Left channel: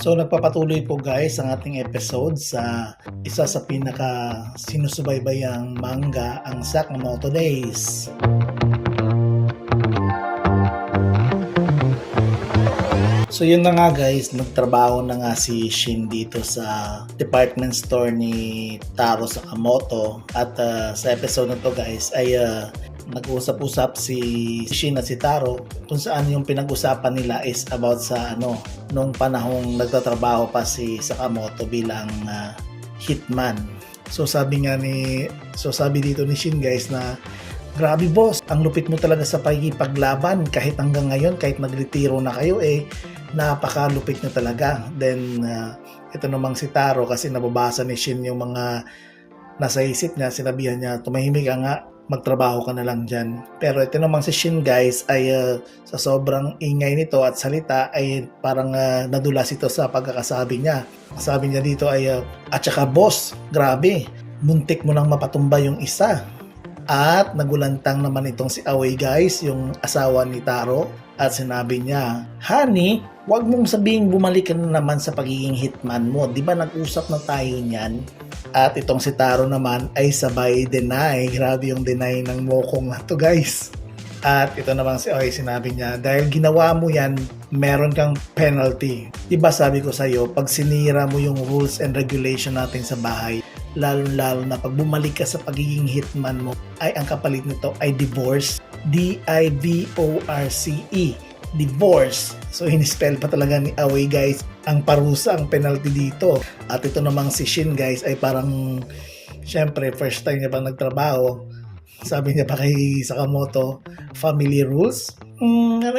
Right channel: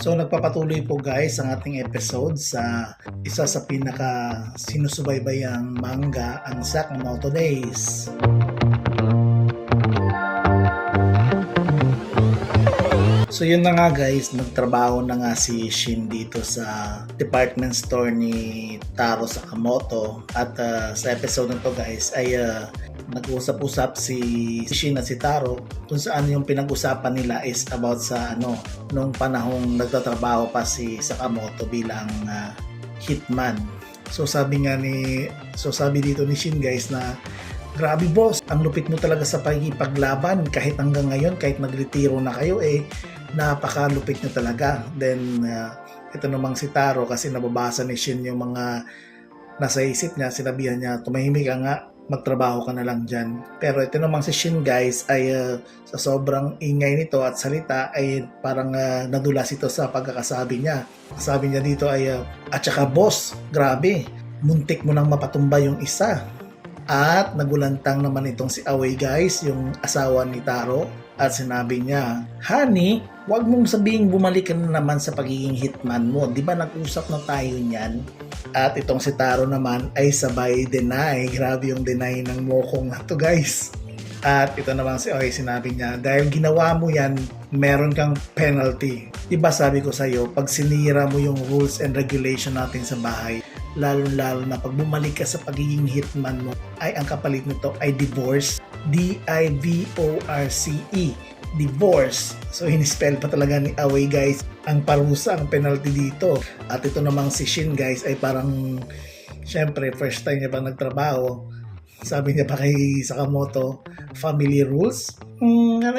So nagpapatuloy po guys ang ating episode sa isa sa pinaka sinusubaybayang manga, ang Sakamoto Days. So yun na nga guys, nagtrabaho na nga si Shin dito sa department store ni Taro Sakamoto at sa episode na to guys ay nag-usap-usap si Shin at si Taro kung saan yung pinag-usapan nila is about sa nung panahong nagtatrabaho pa si Sakamoto bilang hitman. So sabi dito ni Shin guys na grabe boss, ang lupit mo talaga sa paglaban kahit hanggang ngayon, kahit nagretiro na kayo napakalupit nyo talaga. Then ito namang si Taro kasi nababasa ni Shin yung mga nasa isip niya, sinabihan niya tumahimik ka nga, magtrabaho ka na lang dyan. Pero ito namang si Shin guys ay sa sobrang ingay nito at salita ay parang nadulas ito sa pagkakasabi niya. Sabi niya dito ay at saka boss, grabe, muntik mo nang mapatumba yung isa. At nagulantang naman itong si Away guys, yung asawa ni Taro, at sinabi niya, honey, wag mong sabihing bumalik ka na naman sa pagiging hitman mo, di ba nag-usap na tayo niyan? At itong si Taro naman ay sabay deny. Grabe yung deny ng mokong na to guys. At ito naman si Away, sinabi niya, dahil ginawa mo yan, meron kang penalty. Diba sabi ko sa'yo, pag sinira mo yung rules and regulation natin sa bahay, lalo na pag bumalik ka sa pagiging hitman mo, ay ang kapalit nito ay divorce. D-I-V-O-R-C-E. Divorce. So in-spell pa talaga ni Away guys ang parusa, ang penalty dito. At ito namang si Shin guys ay parang syempre first time niya pa nagtrabaho. Sabi niya pa kay Sakamoto, family rules? Ano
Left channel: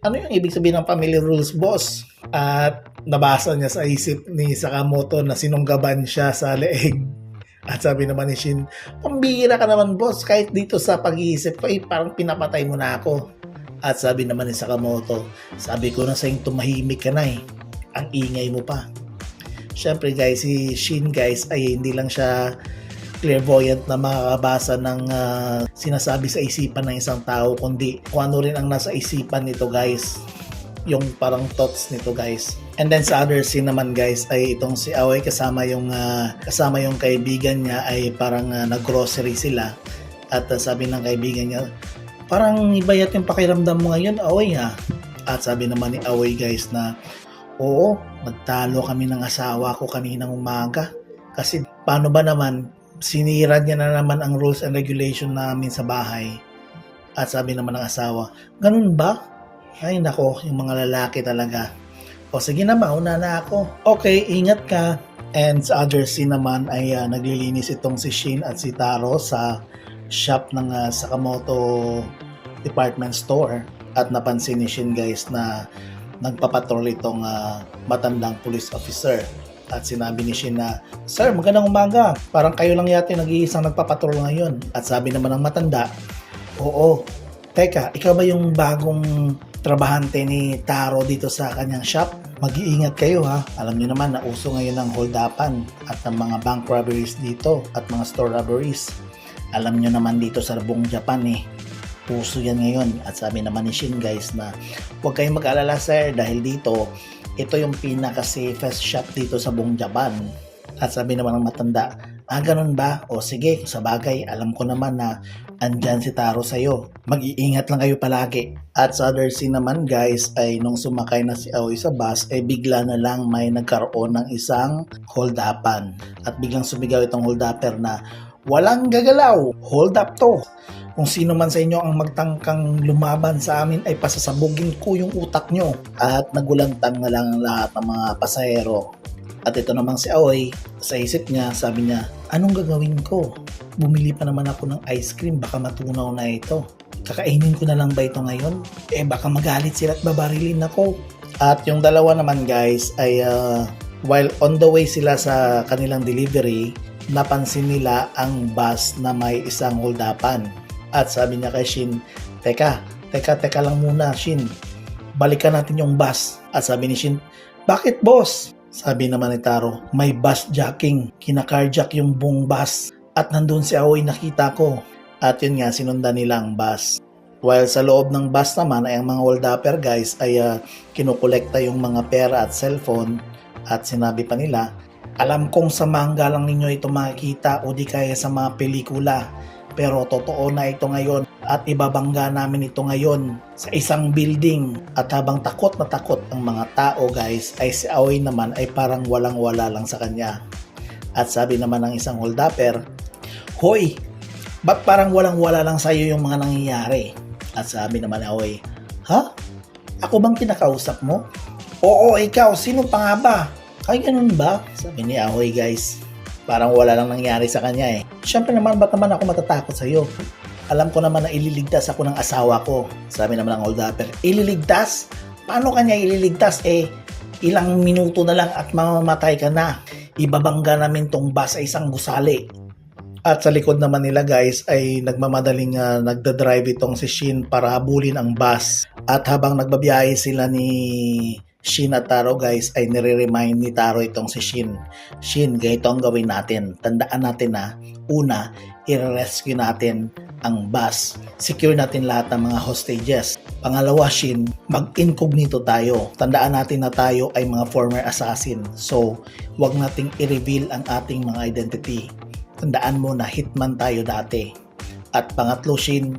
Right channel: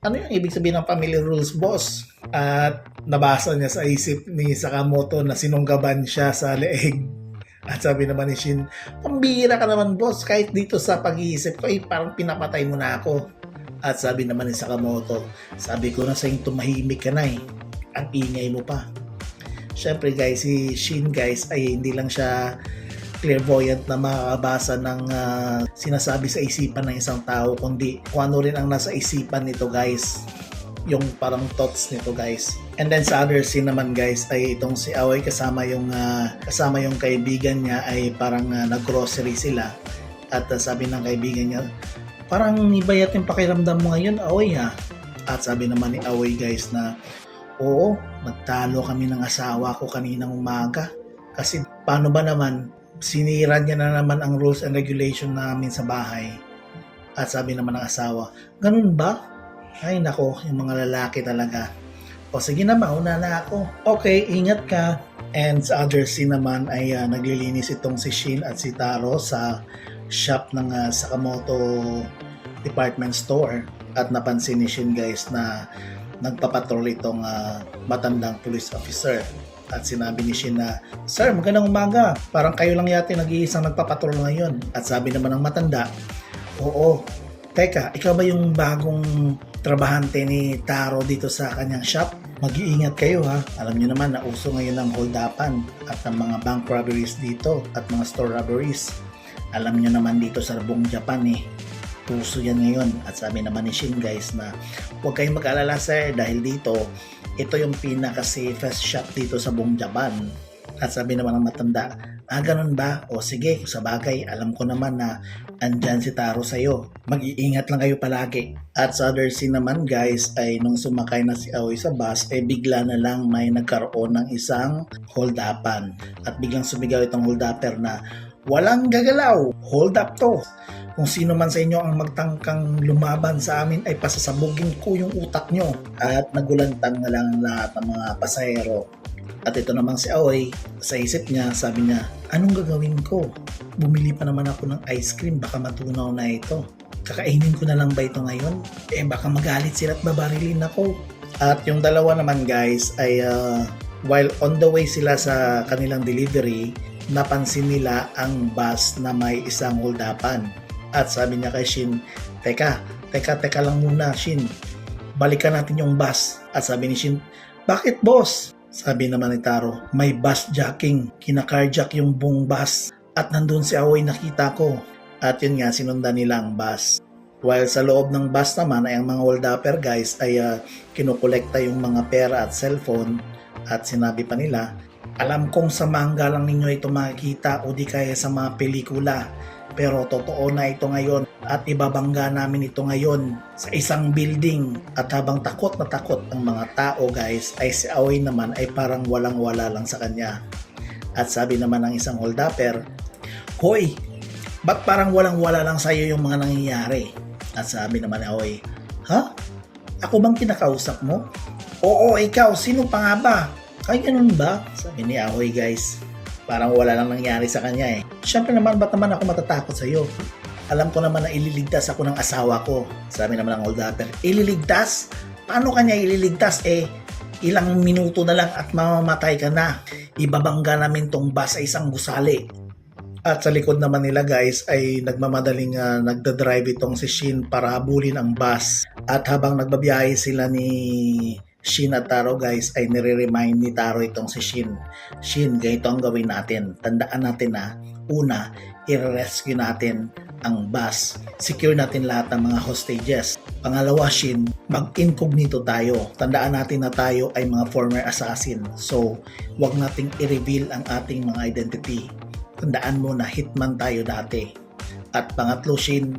yung ibig sabihin ng family rules, boss? At nabasa niya sa isip ni Sakamoto na sinunggaban siya sa leeg. At sabi naman ni Shin, pambihira ka naman boss, kahit dito sa pag-iisip ko, parang pinapatay mo na ako. At sabi naman ni Sakamoto, sabi ko na sa'yo tumahimik ka na ang ingay mo pa. Syempre guys, si Shin guys ay hindi lang siya clairvoyant na makakabasa ng sinasabi sa isipan ng isang tao, kundi kung ano rin ang nasa isipan nito guys, yung parang thoughts nito guys. And then sa other scene naman guys ay itong si Away kasama yung kaibigan niya ay parang nag-grocery sila. At sabi ng kaibigan niya, parang ibayat yung pakiramdam mo ngayon Away ha. At sabi naman ni Away guys na, oo, nagtalo kami ng asawa ko kaninang umaga. Kasi paano ba naman, sinira niya na naman ang rules and regulation namin sa bahay. At sabi naman ng asawa, ganun ba? Ay nako, yung mga lalaki talaga. O sige na, mauna na ako. Okay, ingat ka. And sa other scene naman ay naglilinis itong si Shin at si Taro sa shop ng Sakamoto department store. At napansin ni Shin guys na nagpapatrol itong matandang police officer. At sinabi ni Shin na, sir, magandang umaga. Parang kayo lang yata nag-iisang nagpapatrol ngayon. At sabi naman ng matanda, oo. Teka, ikaw ba yung bagong trabahante ni Taro dito sa kanyang shop? Mag-iingat kayo ha. Alam niyo naman na uso ngayon ang hold-upan at ang mga bank robberies dito at mga store robberies. Alam niyo naman dito sa buong Japan uso yan ngayon. At sabi naman ni Shin guys na huwag kayong mag-alala sir dahil dito ito yung pinaka-safest shop dito sa buong Japan. At sabi naman ng matanda, ganun ba? O sige, sa bagay, alam ko naman na andyan si Taro sa'yo. Mag-iingat lang kayo palagi. At sa other scene naman guys, ay nung sumakay na si Away sa bus, ay bigla na lang may nagkaroon ng isang hold-upan. At biglang sumigaw itong hold-upper na, walang gagalaw, hold up to. Kung sino man sa inyo ang magtangkang lumaban sa amin ay pasasabugin ko yung utak nyo. At nagulantang na lang lahat ng mga pasahero. At ito namang si Away, sa isip niya, sabi niya, anong gagawin ko? Bumili pa naman ako ng ice cream, baka matunaw na ito. Kakainin ko na lang ba ito ngayon? Baka magalit sila at babarilin ako. At yung dalawa naman guys ay while on the way sila sa kanilang delivery, napansin nila ang bus na may isang hold-upan. At sabi niya kay Shin, teka lang muna Shin, balikan natin yung bus. At sabi ni Shin, bakit boss? Sabi naman ni Taro, may bus jacking, kinakarjack yung buong bus. At nandun si Away nakita ko. At yun nga, sinundan nila ang bus. While sa loob ng bus naman ay ang mga hold-upper guys ay kinukolekta yung mga pera at cellphone at sinabi pa nila, alam kong sa manga lang ninyo ito makikita o di kaya sa mga pelikula, pero totoo na ito ngayon at ibabangga namin ito ngayon sa isang building. At habang takot na takot ang mga tao guys ay si Aoi naman ay parang walang wala lang sa kanya. At sabi naman ng isang hold-upper, hoy, ba't parang walang wala lang sa'yo yung mga nangyayari? At sabi naman ni Aoi, ha? Ako bang kinakausap mo? Oo, ikaw, sino pa nga ba? Ay, ganun ba? Sabi ni Aoi guys. Parang wala lang nangyari sa kanya eh. Siyempre naman, ba't naman ako matatakot sa'yo? Alam ko naman na ililigtas ako ng asawa ko. Sabi naman ng hold-upper, ililigtas? Paano kanya ililigtas? Ilang minuto na lang at mamamatay ka na. Ibabangga namin tong bus sa isang gusali. At sa likod naman nila guys ay nagmamadaling nagdadrive itong si Shin para habulin ang bus. At habang nagbabiyahe sila ni Shin at Taro guys ay nire-remind ni Taro itong si Shin. Shin, ganito ang gawin natin. Tandaan natin na una, i-rescue natin ang bus. Secure natin lahat ng mga hostages. Pangalawa, Shin, mag-incognito tayo. Tandaan natin na tayo ay mga former assassin. So, wag nating i-reveal ang ating mga identity. Tandaan mo na hitman tayo dati. At pangatlo, Shin,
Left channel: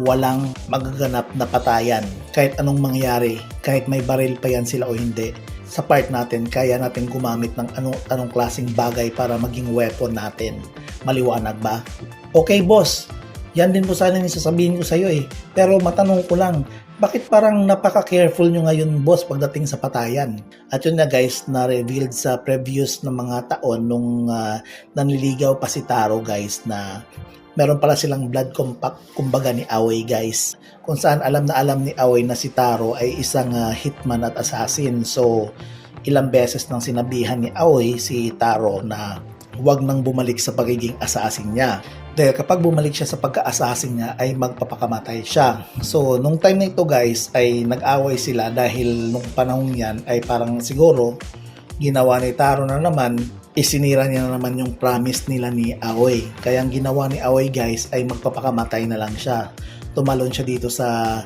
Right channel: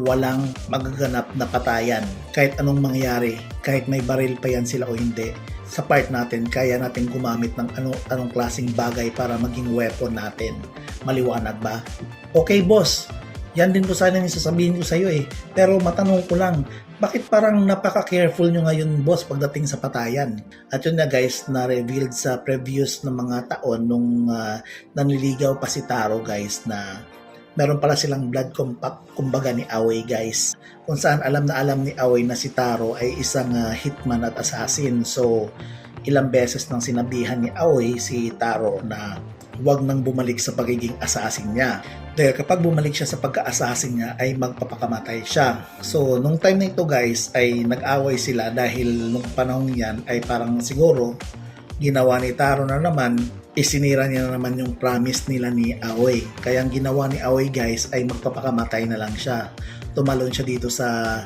walang magaganap na patayan. Kahit anong mangyari, kahit may baril pa yan sila o hindi, sa part natin, kaya natin gumamit ng anong klaseng bagay para maging weapon natin. Maliwanag ba? Okay, boss. Yan din po sana yung sasabihin ko sa'yo eh. Pero matanong ko lang, bakit parang napaka-careful nyo ngayon, boss, pagdating sa patayan? At yun nga guys, na-revealed sa previous na mga taon nung nanliligaw pa si Taro guys na meron pala silang blood compact kumbaga ni Aoi guys. Kung saan alam ni Aoi na si Taro ay isang hitman at assassin. So, ilang beses nang sinabihan ni Aoi si Taro na huwag nang bumalik sa pagiging assassin niya. Dahil kapag bumalik siya sa pagka-assassin niya ay magpapakamatay siya. So, nung time na ito guys ay nag-away sila dahil nung panahon yan ay parang siguro ginawa ni Taro na naman, isinira niya na naman yung promise nila ni Aoi. Kaya ang ginawa ni Aoi guys ay magpapakamatay na lang siya. Tumalon siya dito sa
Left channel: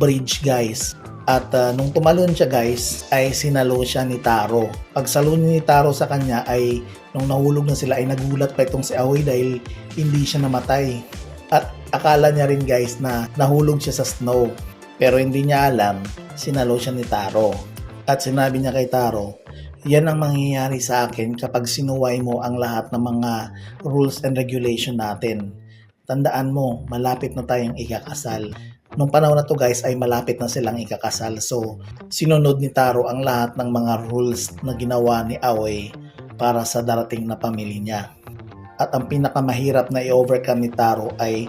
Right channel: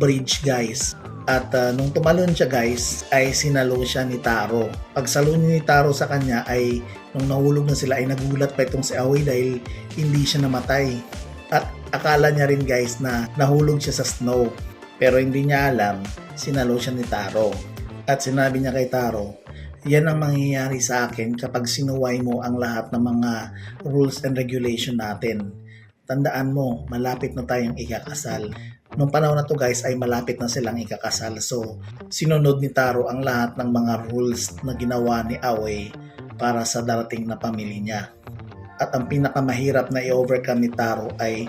bridge guys. At nung tumalon siya guys ay sinalo siya ni Taro. Pagsalo ni Taro sa kanya ay nung nahulog na sila ay nagulat pa itong si Aoi dahil hindi siya namatay. At akala niya rin guys na nahulog siya sa snow. Pero hindi niya alam, sinalo siya ni Taro. At sinabi niya kay Taro, yan ang mangyayari sa akin kapag sinuway mo ang lahat ng mga rules and regulation natin. Tandaan mo, malapit na tayong ikakasal. Nung panahon na to guys ay malapit na silang ikakasal. So, sinunod ni Taro ang lahat ng mga rules na ginawa ni Aoi para sa darating na pamilya niya. At ang pinakamahirap na i-overcome ni Taro ay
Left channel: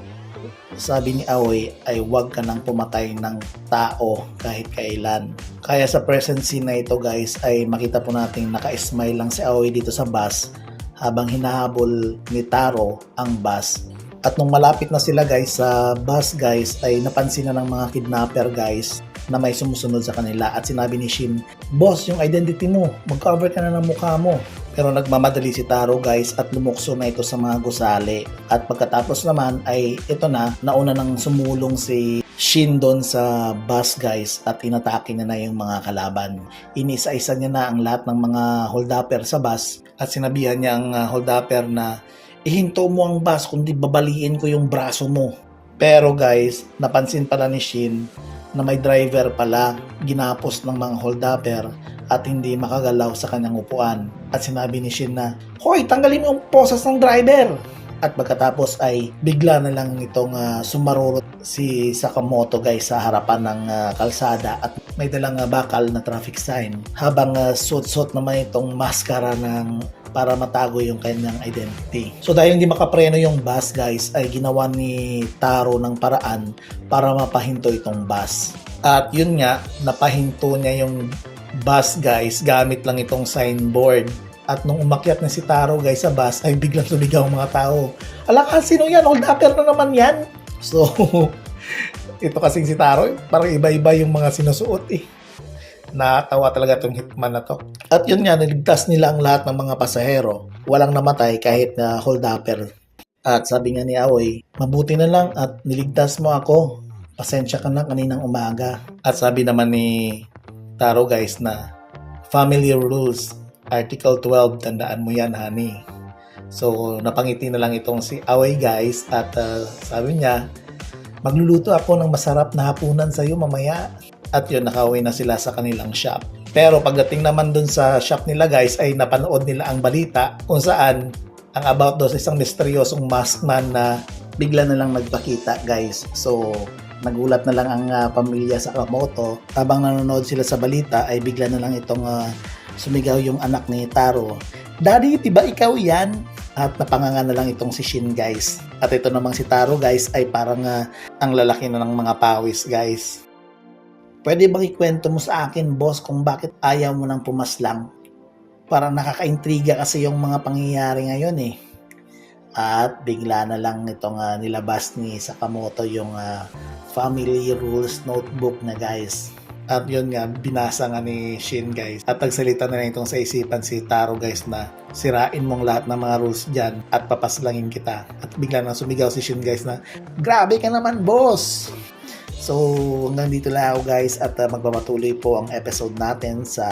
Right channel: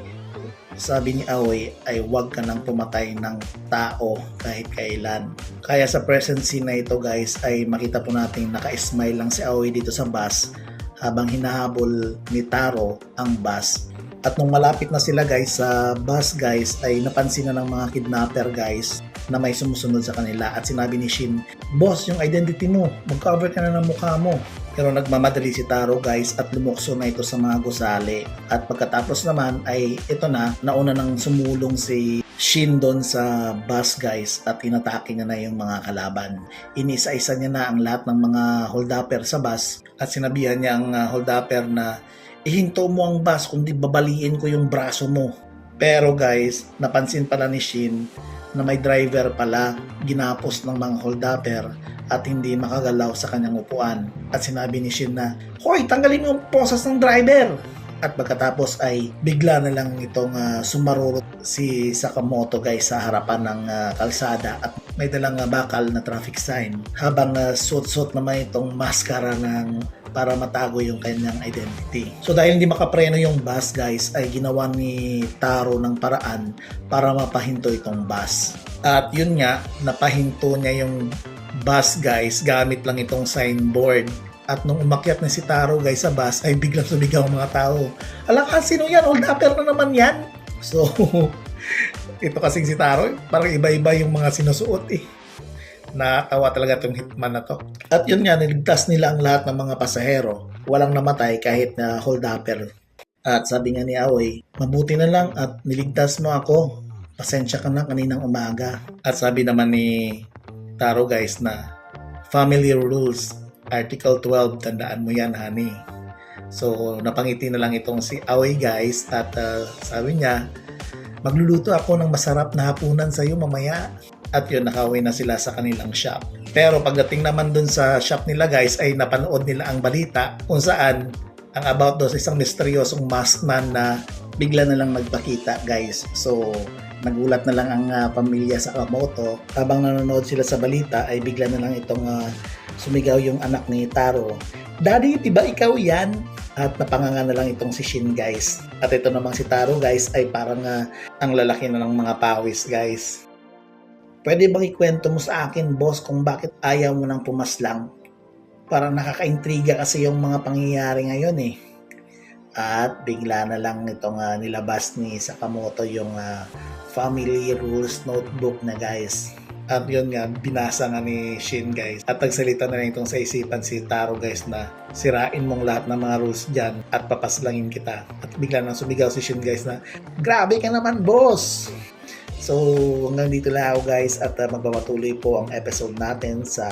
sabi ni Aoi ay huwag ka nang pumatay ng tao kahit kailan. Kaya sa present scene na ito guys ay makita po natin naka-smile lang si Aoi dito sa bus habang hinahabol ni Taro ang bus. At nung malapit na sila guys sa bus guys ay napansin na ng mga kidnapper guys na may sumusunod sa kanila at sinabi ni Shin, boss, yung identity mo, mag-cover ka na ng mukha mo. Pero nagmamadali si Taro guys at lumukso na ito sa mga gusali. At pagkatapos naman ay ito na, nauna nang sumulong si Shin doon sa bus guys at inatake niya na yung mga kalaban. Inisa-isa niya na ang lahat ng mga hold-upper sa bus at sinabihan niya ang hold-upper na ihinto mo ang bus kundi babaliin ko yung braso mo. Pero guys, napansin pala ni Shin na may driver pala ginapos ng mga hold-upper at hindi makagalaw sa kanyang upuan. At sinabi ni Shin na, hoy, tanggalin mo ang posas ng driver! At pagkatapos ay bigla na lang itong sumarurot si Sakamoto guys sa harapan ng kalsada at may dalang bakal na traffic sign habang suot-suot naman itong maskara para matago yung kanyang identity. So dahil hindi makapreno yung bus guys ay ginawa ni Taro ng paraan para mapahinto itong bus. At yun nga, napahinto niya yung bus guys gamit lang itong signboard. At nung umakyat na si Taro guys sa bus ay biglang sumigaw ang mga tao. Ala, sino yan? Hold-upper na naman yan. So, ito kasing si Taro, parang iba-iba yung mga sinusuot eh. Natawa talaga itong hitman na to. At yun nga, niligtas nila ang lahat ng mga pasahero. Walang namatay kahit na hold-upper. At sabi nga ni Aoi, mabuti na lang at niligtas mo ako pasensya ka na kaninang umaga. At sabi naman ni Taro guys na family rules, Article 12, tandaan mo yan honey. So napangiti na lang itong si Away guys at sabi niya, magluluto ako ng masarap na hapunan sa iyo mamaya. At yun, nakauwi na sila sa kanilang shop. Pero pagdating naman dun sa shop nila guys ay napanood nila ang balita kung saan ang about daw sa isang misteryosong maskman na bigla na lang nagpakita guys. So nagulat na lang ang pamilya sa Sakamoto. Habang nanonood sila sa balita ay bigla na lang itong sumigaw yung anak ni Taro. Daddy, diba ikaw yan? At napanganga na lang itong si Shin guys. At ito namang si Taro guys ay parang ang lalaki na ng mga pawis guys. Pwede bang ikwento mo sa akin, boss, kung bakit ayaw mo nang pumaslang? Parang nakakaintriga kasi yung mga pangyayari ngayon eh. At bigla na lang itong nilabas ni Sakamoto yung family rules notebook na guys. At yun nga, binasa nga ni Shin guys. At nagsalita na lang itong sa isipan si Taro guys na sirain mong lahat ng mga rules dyan at papaslangin kita. At bigla na sumigaw si Shin guys na, grabe ka naman boss! So hanggang dito lang ako guys at magpapatuloy po ang episode natin sa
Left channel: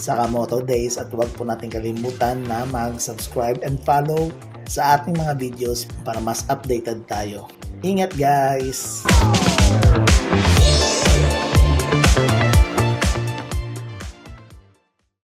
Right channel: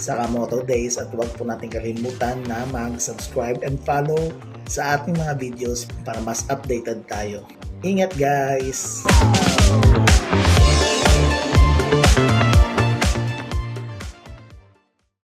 Sakamoto Days at huwag po natin kalimutan na mag-subscribe and follow sa ating mga videos para mas updated tayo. Ingat guys!